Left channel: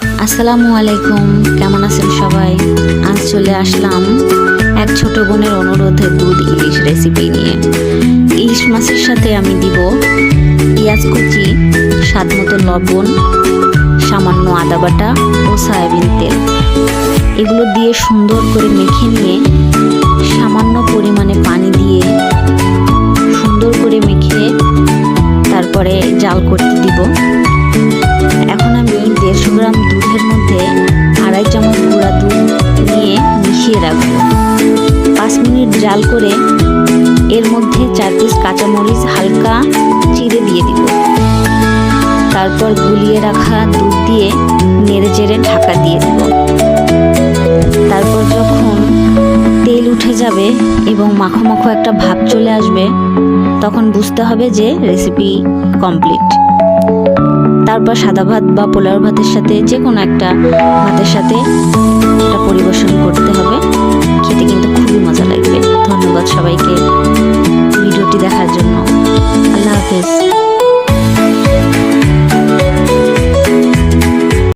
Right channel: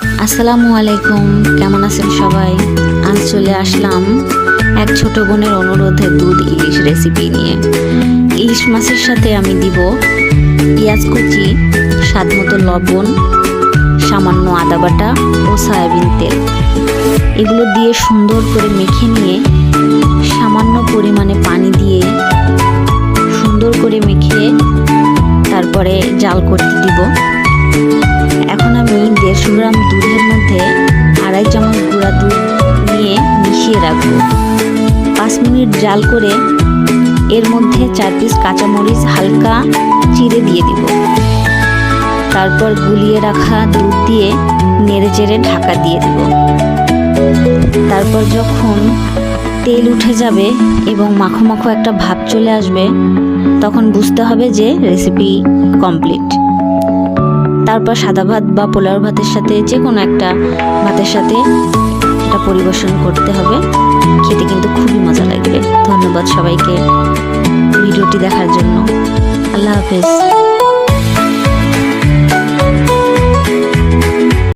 আসসালামু আলাইকুম, কেমন আছেন সবাই? আজ চলে আসলাম এক ছোট বোনের অনুরোধে দুধ ইলিশ রেসিপি নিয়ে। ইলিশ মাছের সাথে আমি দিব পেঁয়াজ কুচি, স্বাদ মতো লবণ, সামান্য আদা বাটা ও সয়াবিন তেল। এগুলো দিয়ে সুন্দর করে মেখে নিয়ে সামান্য পরিমাণে পানি দিয়ে সুন্দর করে মেখে তারপরে জাল করতে দিব। এখন আমি 150 গ্রাম দুধের মধ্যে 2.5 চামচ গুঁড়া দুধ নিয়ে মিশিয়ে রাখবো। 5 মিনিট জাল করে এর মধ্যে 4 পিস কাঁচামরিচ হালকা চিড়ে দিয়ে দিব। তারপর গুলিয়ে রাখা দুধ দিয়ে নেড়েচেড়ে ঢাকা দিয়ে দিব। তারপর যখন তেল উঠে যাবে এবং মাখো মাখো একটা ভাব চলে আসবে, তখন বুঝতে হবে যে রেসিপি কমপ্লিট। তারপর সাদা ভাত বা পোলাও ভাতের সাথে যে কোনো একটা ভাতের সাথে এটা পরিবেশন করতে হবে। খেতে কিন্তু খুবই মজা লাগবে। ধন্যবাদ সবাইকে ভিডিওটি দেখার জন্য। আল্লাহ হাফেজ।